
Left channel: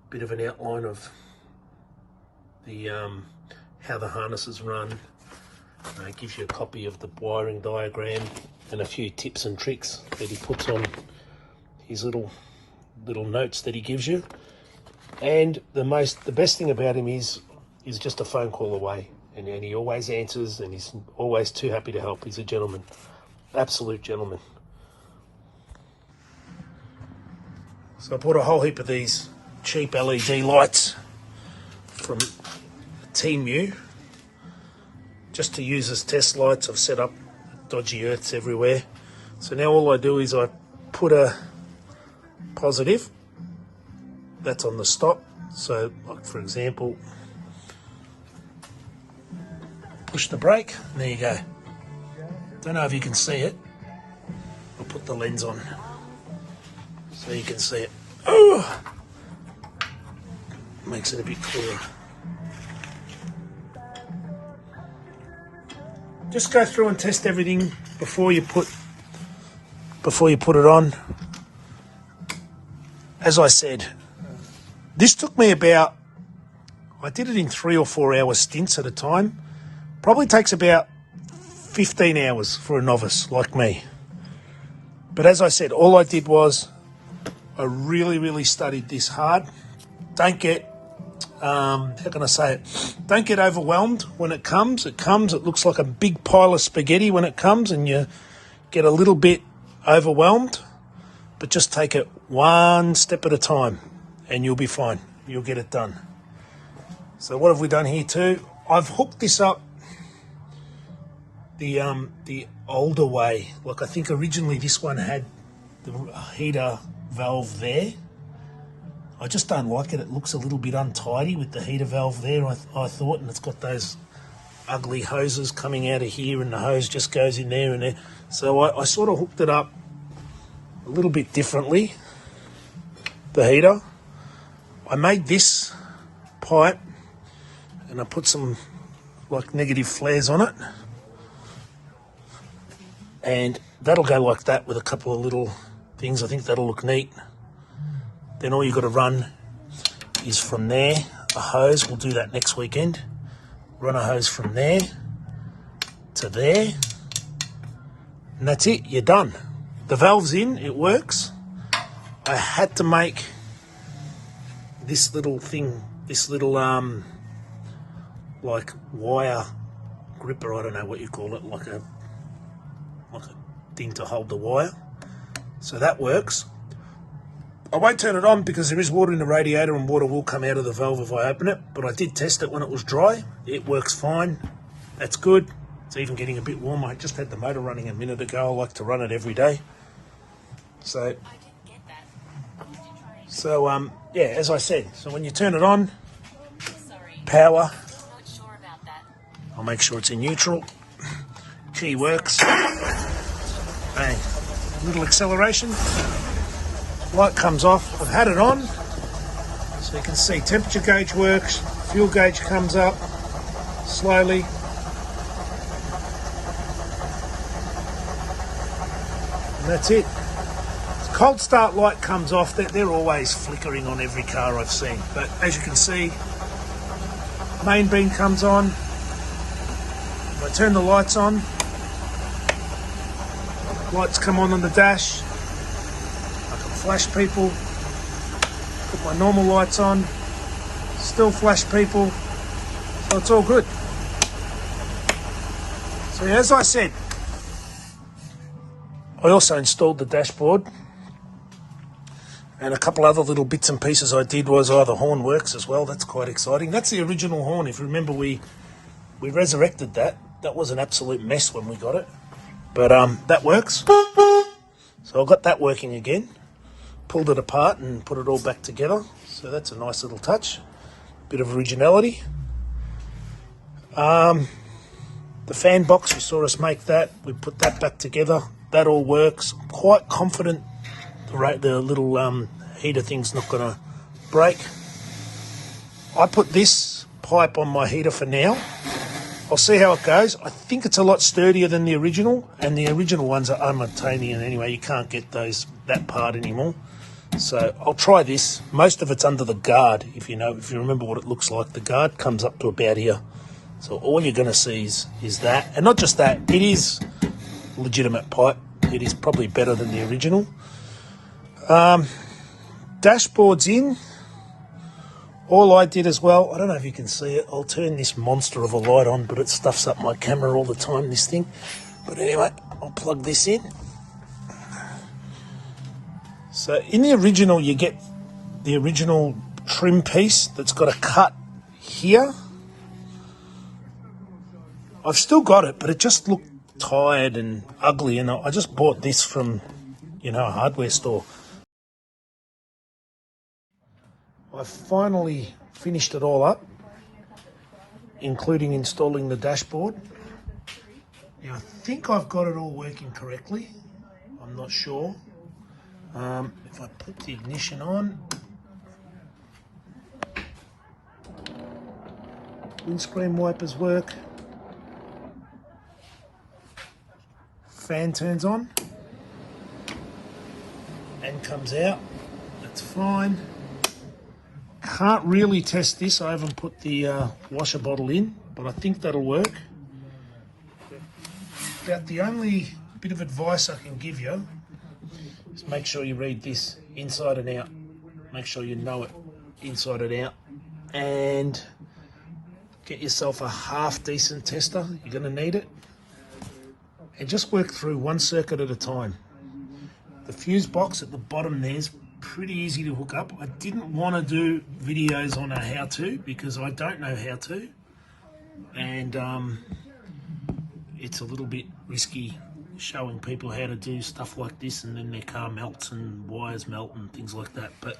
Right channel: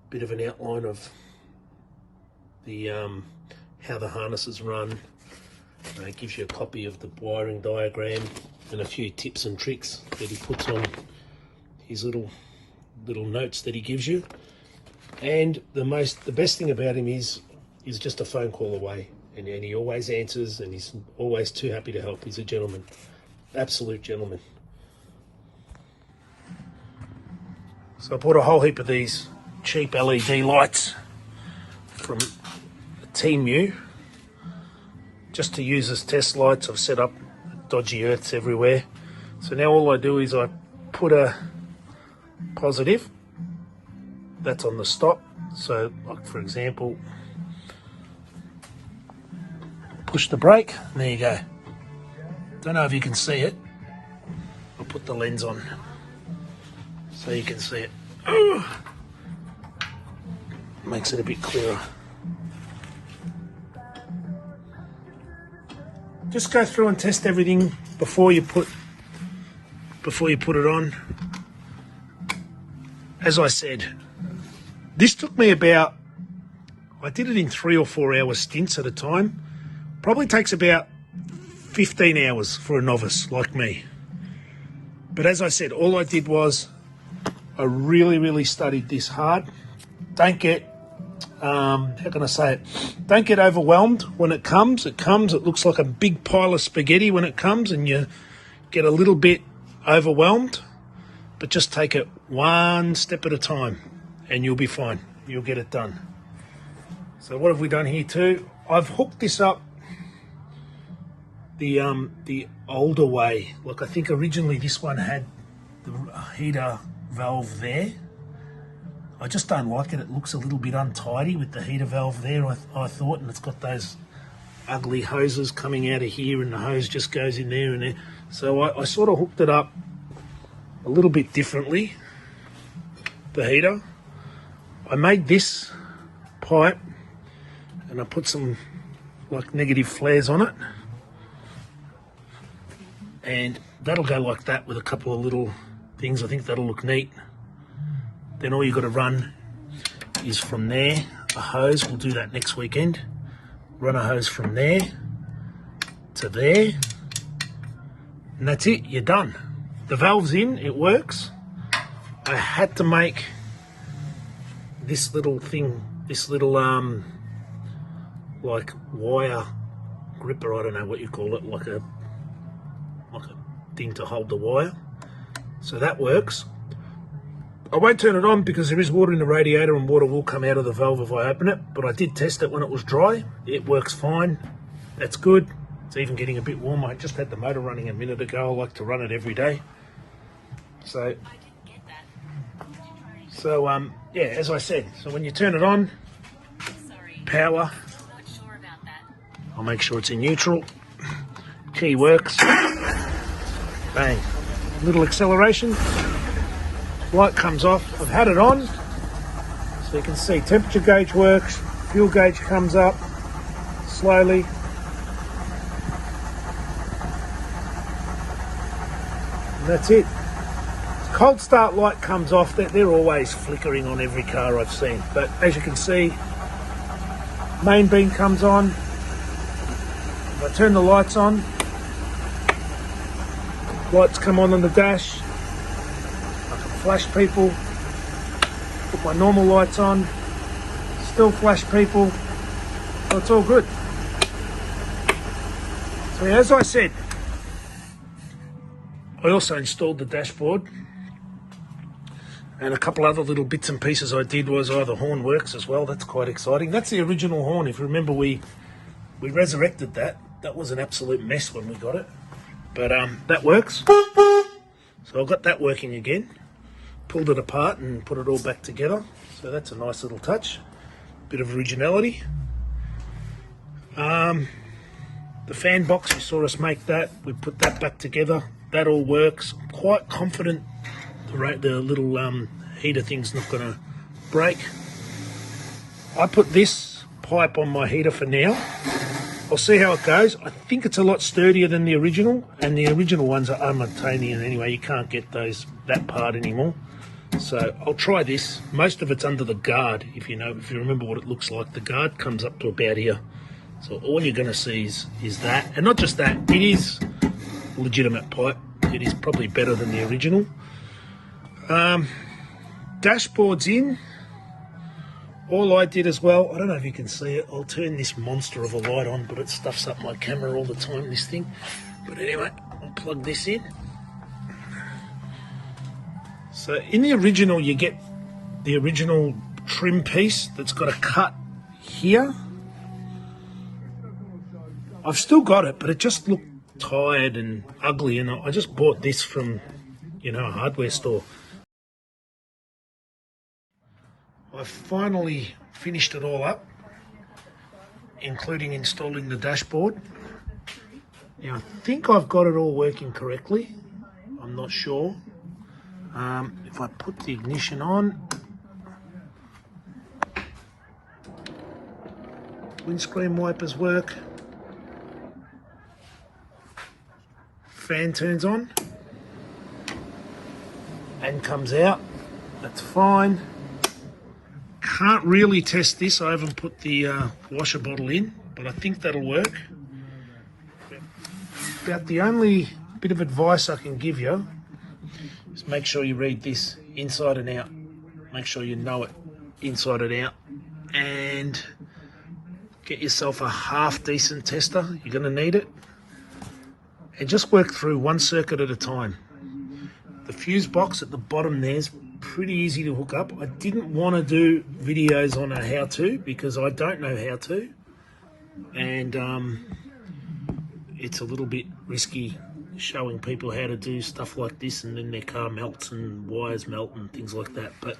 bit of an outline of the how the harnesses run. It gives you a copy of the wiring diagram and a few tips and tricks that he puts on his little notes that he gives you. And the best thing about him is just a phone call away, and he always answers, and he's always too happy to help. He's a gentleman, absolute gentleman. So I bought a whole heap of these cheap LED lights from Temu just to use as test lights. I've set up dodgy earths everywhere. So now all I do is I put a positive that's on the stop. So like for example, push the brake, and there you go. Don't know if you can see it. I'll put the lens on so you can see it. Oh, makes it a bit clearer. just go through and test everything before you put it on. As I said, this took me about, I did it in 3 or 4 hour stints at a time. Probably takes about 15 hours for a novice like me. But as I said, all I did was I really studied this hard. Don't get, how can I say it? Don't get overwhelmed when it comes. It looks like a big pile of spaghetti when it comes, and you get a little bit overwhelmed. But just take it one step at a time and you'll be fine. You'll get it done. So what have we done here too? I've hooked this up the older way. Like I think originally this one had the heater valve there. I just don't like it. It looks a little bit untidy with the heater valve there, I thought, and it's got those ugly hoses coming out of here, and the hose just goes in there and there. So I sort of hooked it up a little bit differently, the heater. I made this pipe and I put some like negative flares on it, and that'll go like that with a couple of little things. I think that'll look neat. Then all you've got to run is from there, a hose. We'll do that next weekend. Run a hose from there to there, and that's it, you're done. The valve's in, it works. I had to make this little thing, this little like wire gripper, I don't know what you call it, like a thing to hold the wire. So that works. I won't turn it on because there is water in the radiator and water will come out of the valve if I open it, but I did test it when it was dry. It works fine. That's good. It's even getting a bit warm. I just had the motor running a minute ago. I like to run it every day. So yeah, as I said, so when you turn it on, power, I'll make sure it's in neutral. Key works. Bang. Little acceleration. Light comes off. I've had it on, so you can see temperature gauge works. Fuel gauge comes up slowly. And that's it. Cold start light comes off. They're always flickering on every car I've seen. But as you can see, main beam comes on. If I turn the lights on, lights come on the dash. I can flash people. Put my normal lights on. Still flash people. So it's all good. So as I said, I also installed the dashboard. And a couple other little bits and pieces I did was, the horn works as well. That's quite exciting. That's the original horn. If you remember, we resurrected that. That was an absolute mess when we got it. But that works. So I've got that working again. Pulled it apart and put it all back together. So that's a nice little touch. Bit of originality. The fan box, you saw us make that. We put that back together. That all works. I'm quite confident the little heater thing's not going to break. I put this pipe on my heater for now. I'll see how it goes. I think it's a lot sturdier than the original, and the original ones are unobtainium anyway. You can't get that part anymore. So I'll try this. Most of it's under the guard. If you remember what it looks like, the guard comes up to about here. So all you're going to see is that, and not just that. It is legitimate pipe. It is probably better than the original. Dashboard's in. All I did as well, I don't know if you can see it, I'll turn this monster of a light on, but it stuffs up my camera all the time, this thing. But anyway, I'll plug this in. So in the original, you get the original trim piece that's got a cut here. I've still got it, but it just looked tired and ugly, and I just bought this from, a hardware store. I finally finished it all up, including installing the dashboard. Now I think I've got it all working correctly. I'm not sure. If I put the ignition on, windscreen wipers work. fan turns on and comes out. That's fine. Can't really test this. I haven't put the washer bottle in, but I think that'll work. About the only bit of advice I can give you is make sure you read this inside and out. Make sure you know it inside and out. And get yourself a half decent tester. You're going to need it. And just work through one circuit at a time. The fuse box at the bottom there is pretty easy to hook up. I didn't want to do videos on a how-to because I don't know how to. And it's a little bit risky showing people how to do stuff like this and then their car melts and wires melt and things like that. But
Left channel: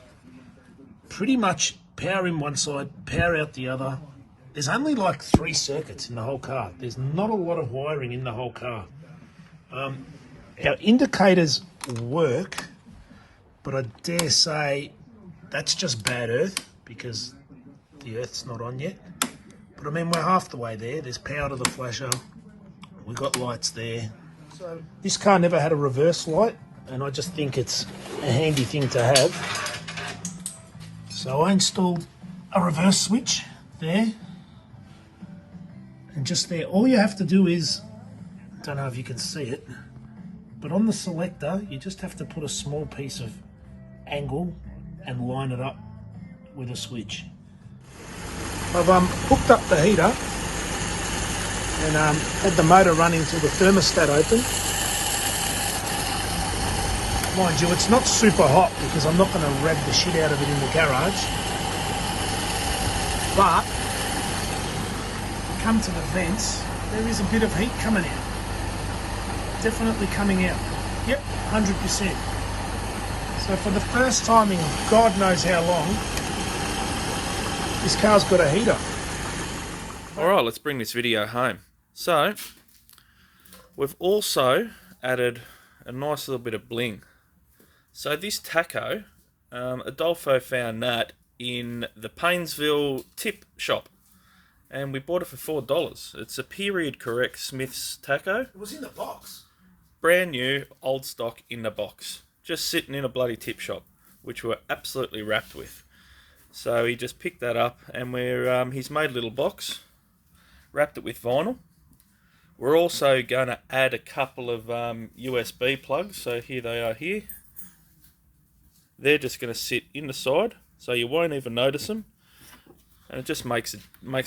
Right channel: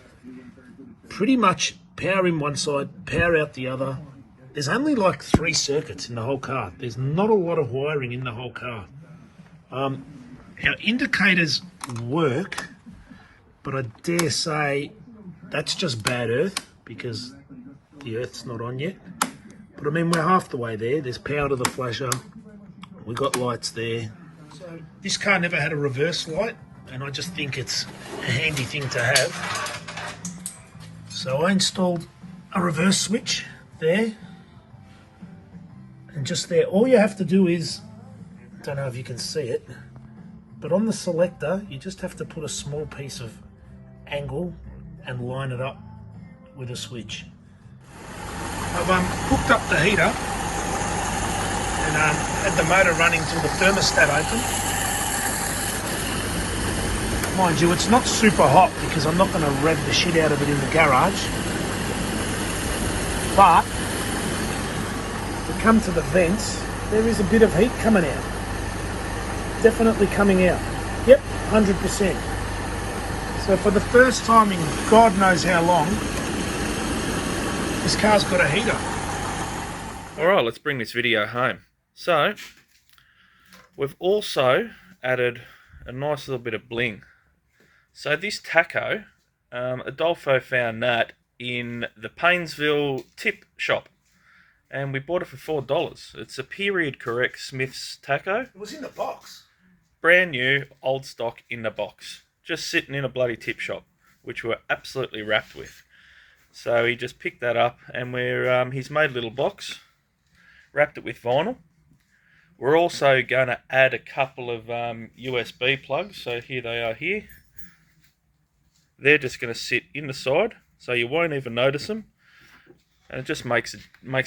pretty much power in one side, power out the other. There's only like 3 circuits in the whole car. There's not a lot of wiring in the whole car. Our indicators work, but I dare say that's just bad earth because the earth's not on yet. But I mean, we're half the way there. There's power to the flasher. We've got lights there. So this car never had a reverse light, and I just think it's a handy thing to have. So I installed a reverse switch there. And just there, all you have to do is, don't know if you can see it, but on the selector, you just have to put a small piece of angle and line it up with a switch. I've hooked up the heater and had the motor running till the thermostat open. Mind you, it's not super hot because I'm not going to rev the shit out of it in the garage. But come to the vents, there is a bit of heat coming out. Definitely coming out. Yep, 100%. So for the first time in God knows how long, this car's got a heater. Alright, let's bring this video home. So, we've also added a nice little bit of bling. So this taco, Adolfo found that in the Paynesville tip shop. And we bought it for $4. It's a period correct Smith's taco. It was in the box. Brand new, old stock in the box. Just sitting in a bloody tip shop, which we're absolutely wrapped with. So he just picked that up and he's made a little box, wrapped it with vinyl. We're also going to add a couple of USB plugs. So here they are here. They're just going to sit in the side, so you won't even notice them. And it just makes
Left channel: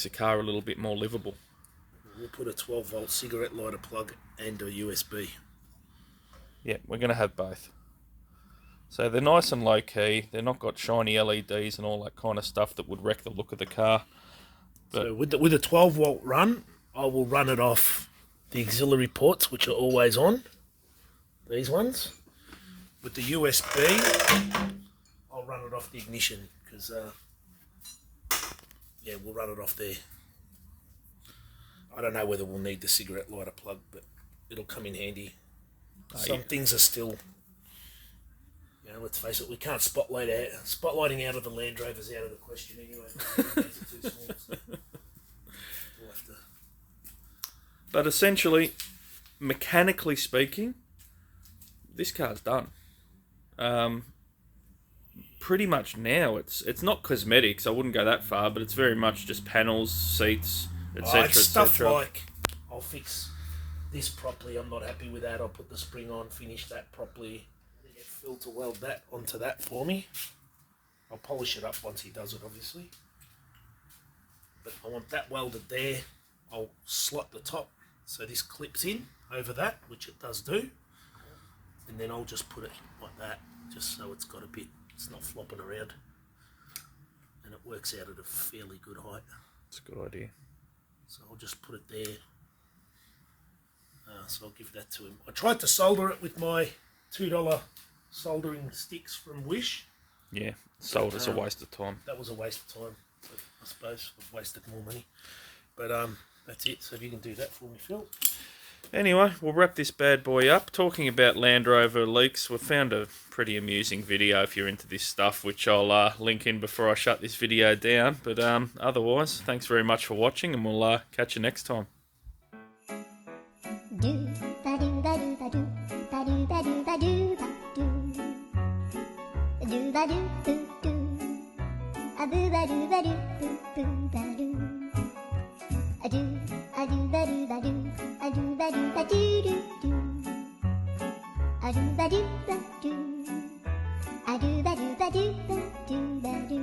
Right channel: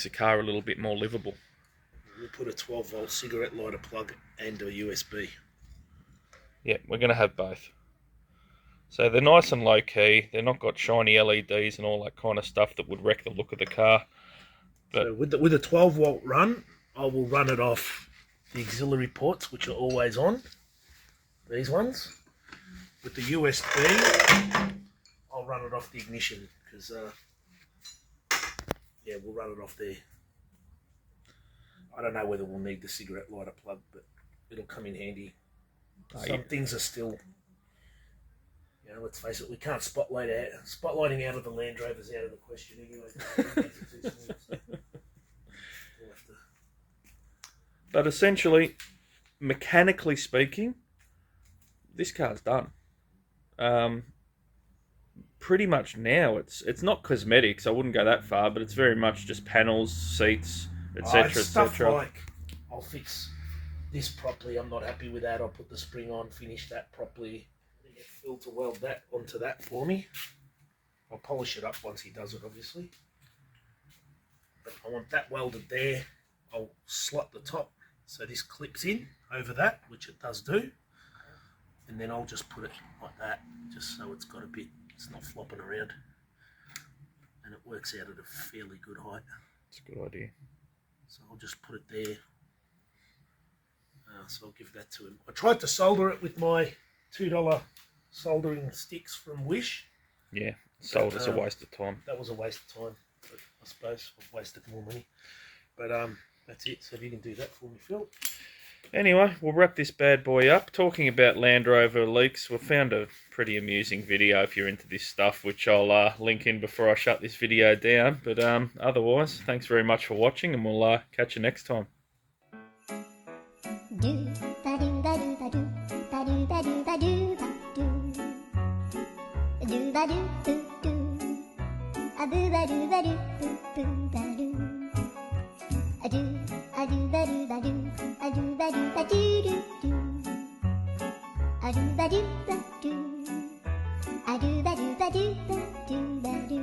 a car a little bit more livable. We'll put a 12-volt cigarette lighter plug and a USB. Yeah, we're going to have both. So they're nice and low-key. They're not got shiny LEDs and all that kind of stuff that would wreck the look of the car. But so with a 12-volt run, I will run it off the auxiliary ports, which are always on. These ones. With the USB, I'll run it off the ignition because... yeah, we'll run it off there. I don't know whether we'll need the cigarette lighter plug, but it'll come in handy. Some things are still, let's face it, we can't spotlighting out of the Land Rovers out of the question anyway. Too small, so we'll have to. But essentially, mechanically speaking, this car's done. Pretty much now it's not cosmetics. I wouldn't go that far, but it's very much just panels, seats, etc. Stuff like I'll fix this properly. I'm not happy with that. I'll put the spring on, finish that properly. Get Phil to weld that onto that for me. I'll polish it up once he does it, obviously. But I want that welded there. I'll slot the top so this clips in over that, which it does do. And then I'll just put it like that, just so it's got a bit. It's not flopping around, and it works out at a fairly good height. It's a good idea. So I'll just put it there. So I'll give that to him. I tried to solder it with my $2 soldering sticks from Wish. Yeah, solder's a waste of time. That was a waste of time. But I suppose I've wasted more money. But that's it. So if you can do that for me, Phil. Anyway, we'll wrap this bad boy up. Talking about Land Rover leaks, we've found a pretty amusing video if you're into this stuff, which I'll link in before I shut this video down. But otherwise, thanks very much for watching, and we'll catch you next time. Do ba do ba do ba do ba do ba do ba do ba do. Do ba do boo do. A boo ba do ba do boo boo ba do. A do ba do ba do. A do ba do ba do do do. A do ba do ba do. A do ba do ba do ba do ba do.